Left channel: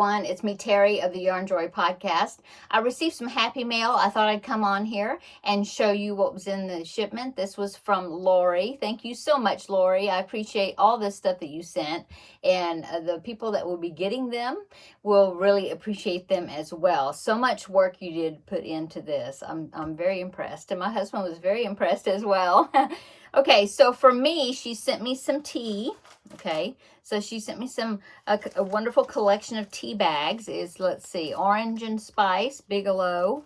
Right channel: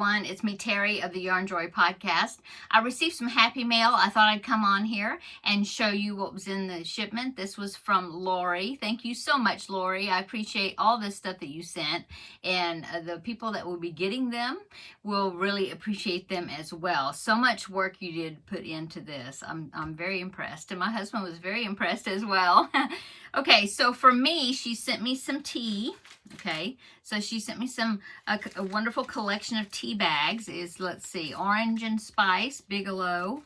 everyone. It's me, Terry, of the Yarn Joy podcast. I received some happy mail. I thought I'd come on here and show you what was in the shipment. This was from Lori. Thank you so much, Lori. I appreciate all this stuff that you sent, and the people that will be getting them will really appreciate them as well. So much work you did put into this. I'm very impressed, and my husband was very impressed as well. Okay, so for me, she sent me some tea. Okay, so she sent me a wonderful collection of tea bags. Let's see, Orange and Spice, Bigelow,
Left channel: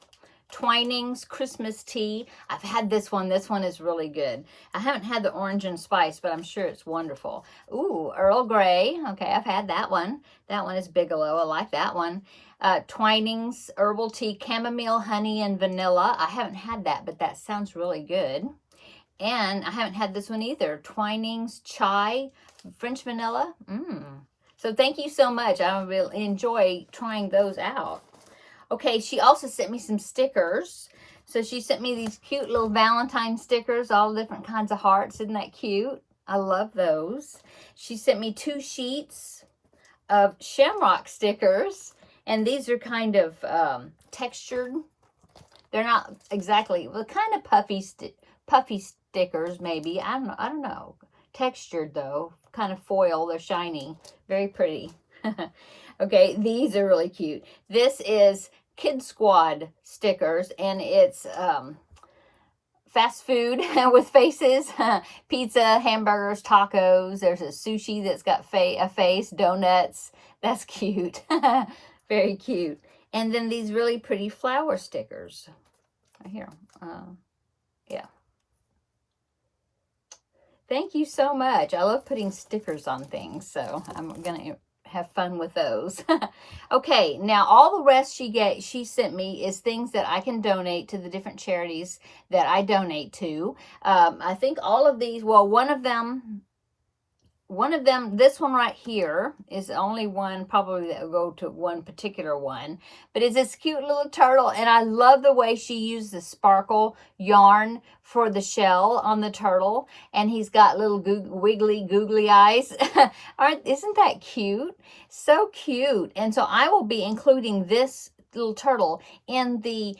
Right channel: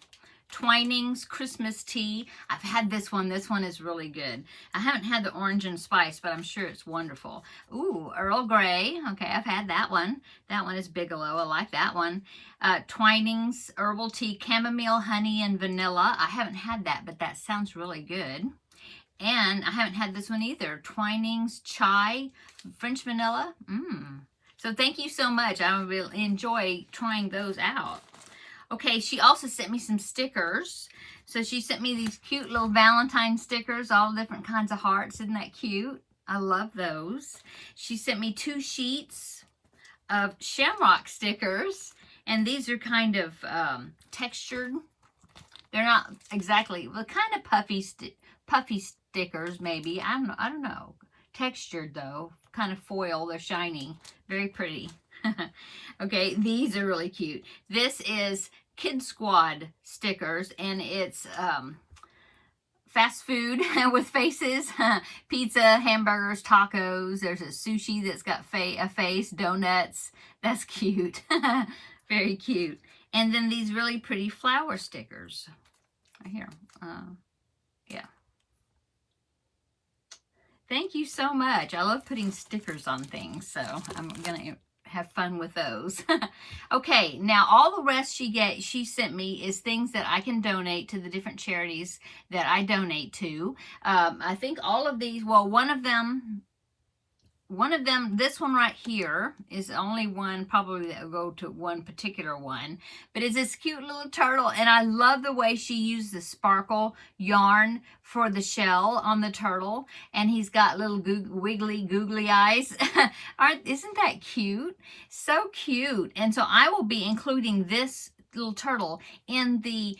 Twinings Christmas Tea. I've had this one. This one is really good. I haven't had the Orange and Spice, but I'm sure it's wonderful. Ooh, Earl Grey. Okay, I've had that one. That one is Bigelow. I like that one. Twinings Herbal Tea, Chamomile, Honey, and Vanilla. I haven't had that, but that sounds really good. And I haven't had this one either. Twinings Chai, French Vanilla. So thank you so much. I really enjoy trying those out. Okay, she also sent me some stickers. So she sent me these cute little Valentine stickers, all different kinds of hearts. Isn't that cute? I love those. She sent me 2 sheets of shamrock stickers. And these are kind of textured. They're not exactly, well, kind of puffy stickers maybe. I don't know. Textured though, kind of foil. They're shiny, very pretty. Okay, these are really cute. This is Kid Squad stickers, and it's fast food with faces. Pizza, hamburgers, tacos. There's a sushi that's got a face, donuts. That's cute. Very cute. And then these really pretty flower stickers right here. Yeah. Thank you so much. I love putting stickers on things, so I'm going to have fun with those. Okay, now all the rest she sent me is things that I can donate to the different charities that I donate to. I think all of these, well, one of them, this one right here is the only one probably that will go to one particular one, but it's this cute little turtle, and I love the way she used the sparkle yarn for the shell on the turtle, and he's got little wiggly googly eyes. Isn't that cute? So cute. And so I will be including this little turtle in the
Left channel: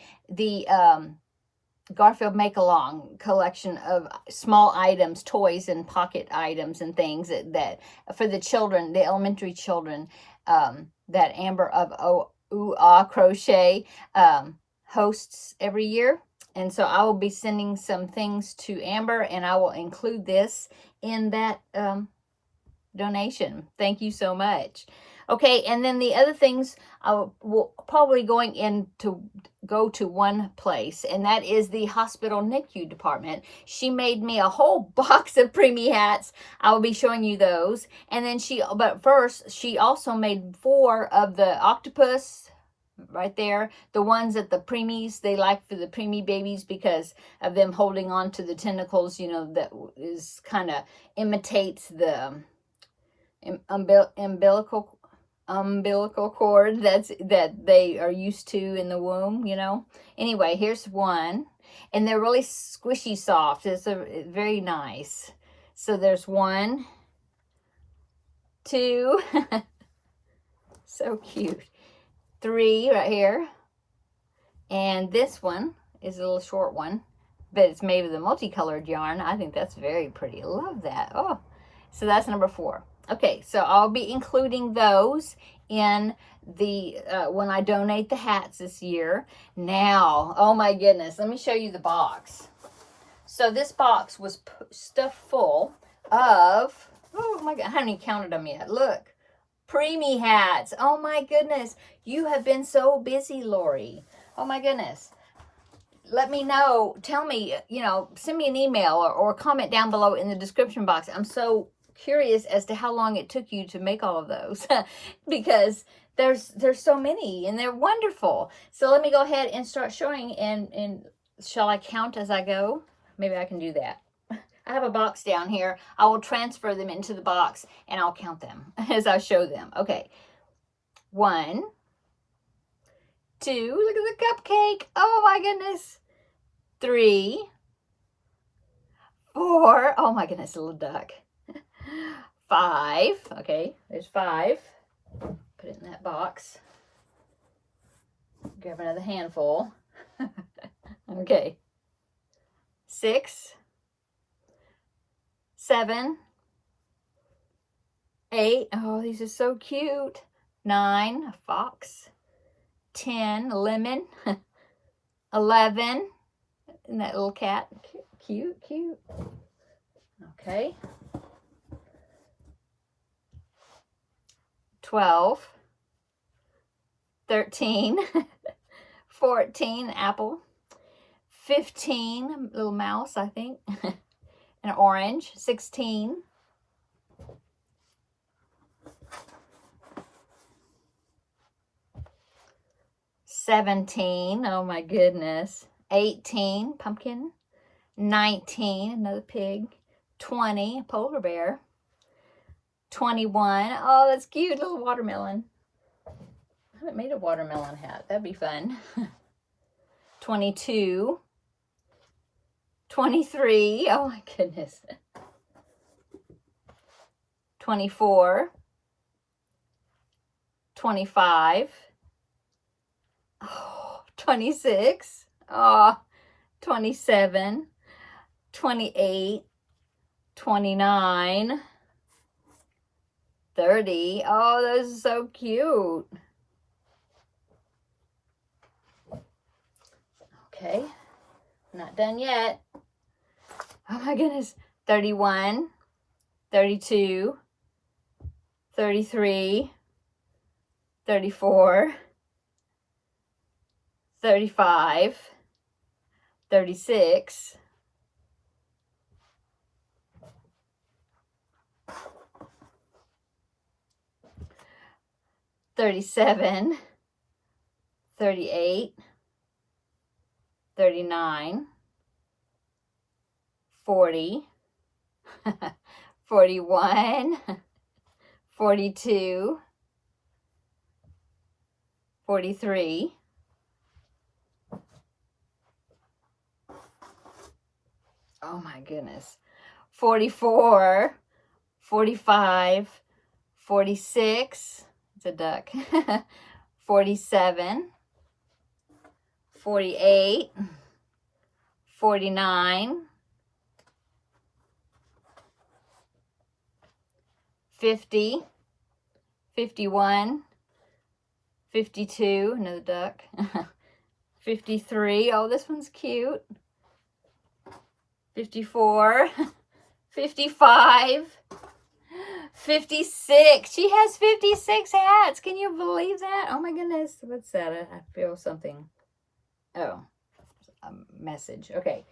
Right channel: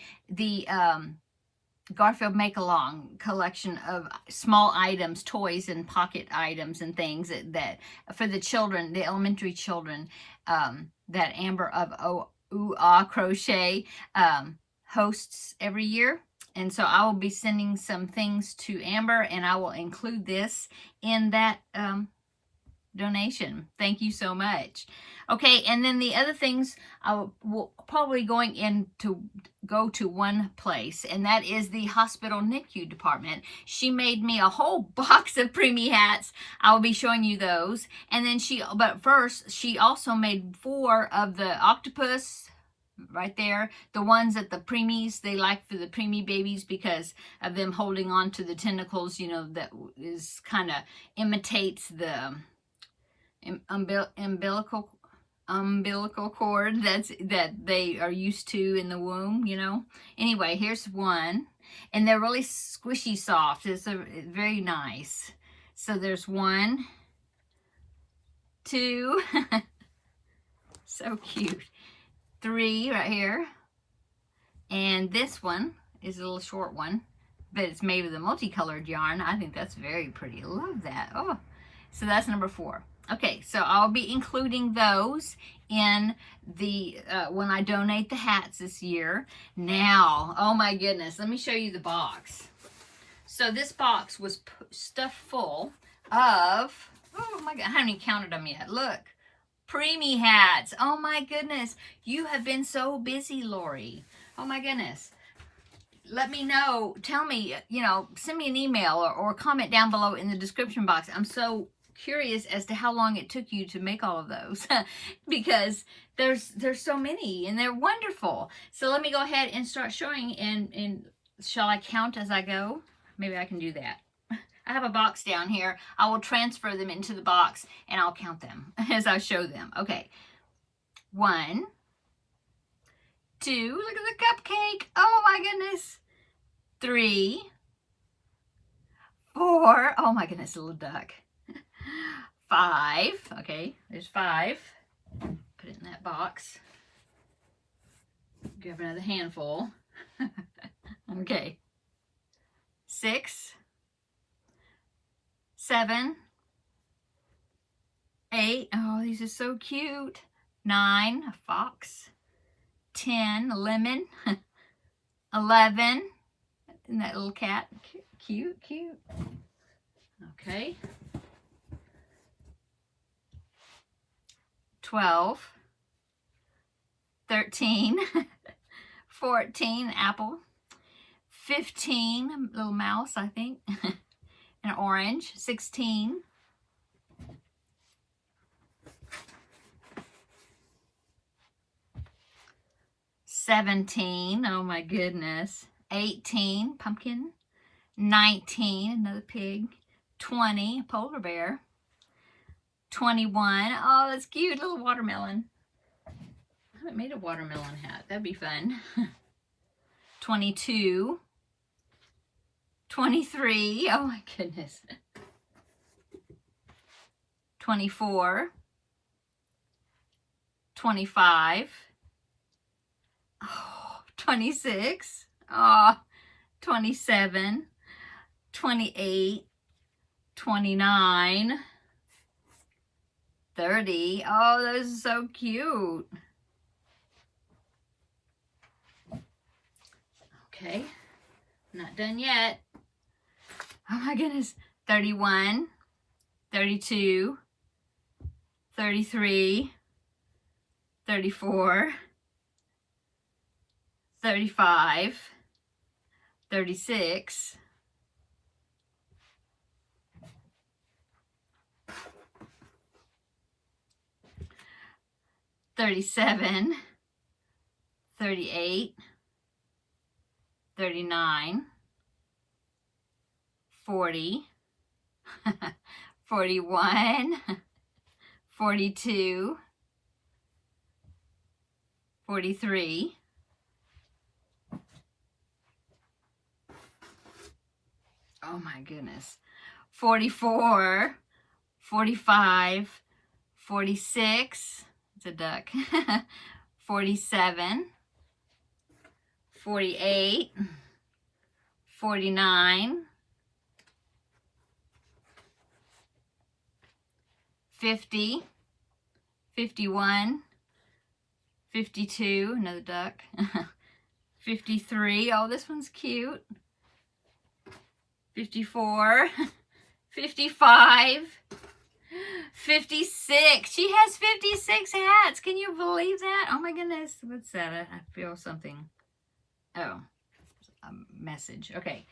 Garfield Make-Along collection of small items, toys and pocket items and things that for the children, the elementary children, that Amber of Ooh Ah Crochet hosts every year. And so I will be sending some things to Amber, and I will include this in that donation. Thank you so much. Okay, and then the other things I will probably go to one place, and that is the hospital NICU department. She made me a whole box of preemie hats. I will be showing you those. And then but first, she also made 4 of the octopus right there, the ones that the preemies, they like for the preemie babies because of them holding on to the tentacles, you know, that is kind of imitates the umbilical cord that they are used to in the womb, you know. Anyway, here's one, and they're really squishy soft. It's very nice. So there's 1, 2, so cute, 3 right here, and this one is a little short one, but it's made with a multicolored yarn. I think that's very pretty. I love that. Oh, so that's number 4. Okay, so I'll be including those in the when I donate the hats this year. Now, oh my goodness, let me show you the box. So this box was stuffed full of, oh my God, I haven't even counted them yet. Look, preemie hats. Oh my goodness, you have been so busy, Lori. Oh my goodness. Let me know, tell me, you know, send me an email or comment down below in the description box. I'm so curious as to how long it took you to make all of those because there's so many and they're wonderful. So let me go ahead and start showing, and shall I count as I go? Maybe I can do that. I have a box down here. I will transfer them into the box and I'll count them as I show them. Okay. 1, 2, look at the cupcake. Oh my goodness. 3, 4, oh my goodness, little duck. 5, okay, there's 5. Put Put it in that box. Grab another handful. Okay. 6, 7, 8. Oh, these are so cute. 9, a fox. 10, a lemon. 11, and that little cat. Cute, cute. Okay. 12, 13, 14, apple. 15, little mouse, I think. An orange. 16. 17, oh my goodness. 18, pumpkin. 19, another pig. 20, polar bear. 21, oh, that's cute, little watermelon. I haven't made a watermelon hat. That'd be fun. 22. 23, oh my goodness. 24. 25. Oh, 26. Oh, 27. 28. 29. 30. Oh, those are so cute. Okay, not done yet. Oh my goodness. 31. 32. 33. 34. 35. 36. 37. 38. 39. 40. 41. 42. 43. Oh my goodness. 44. 45. 46. It's a duck. 47. 48. 49. 50. 51. 52, another duck. 53, oh, this one's cute. 54. 55. 56. She has 56 hats. Can you believe that? Oh my goodness. What's that? I feel something. Oh, a message. Okay.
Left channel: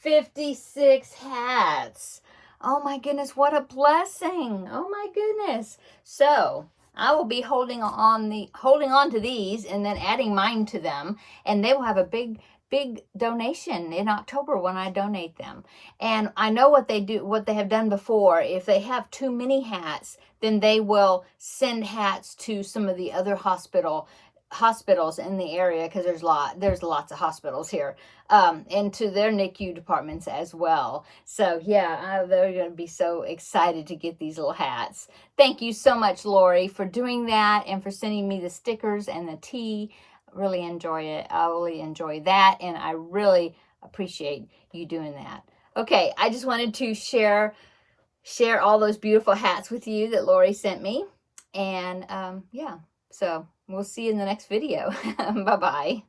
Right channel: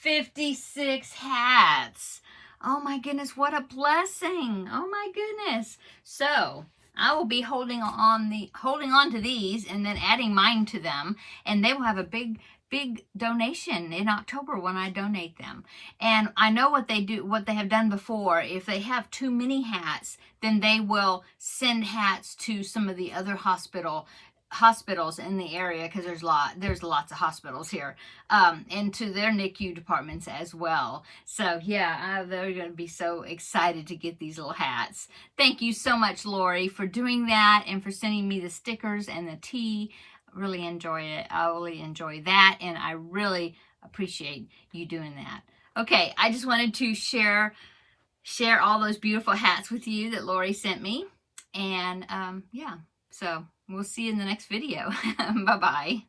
56 hats. Oh my goodness, what a blessing. Oh my goodness. So I will be holding on to these and then adding mine to them, and they will have a big donation in October when I donate them. And I know what they have done before. If they have too many hats, then they will send hats to some of the other hospitals in the area, because there's lots of hospitals here, and to their NICU departments as well. So yeah, they're going to be so excited to get these little hats. Thank you so much, Lori, for doing that and for sending me the stickers and the tea. Really enjoy it. I really enjoy that, and I really appreciate you doing that. Okay, I just wanted to share all those beautiful hats with you that Lori sent me, and yeah, so we'll see you in the next video. Bye-bye.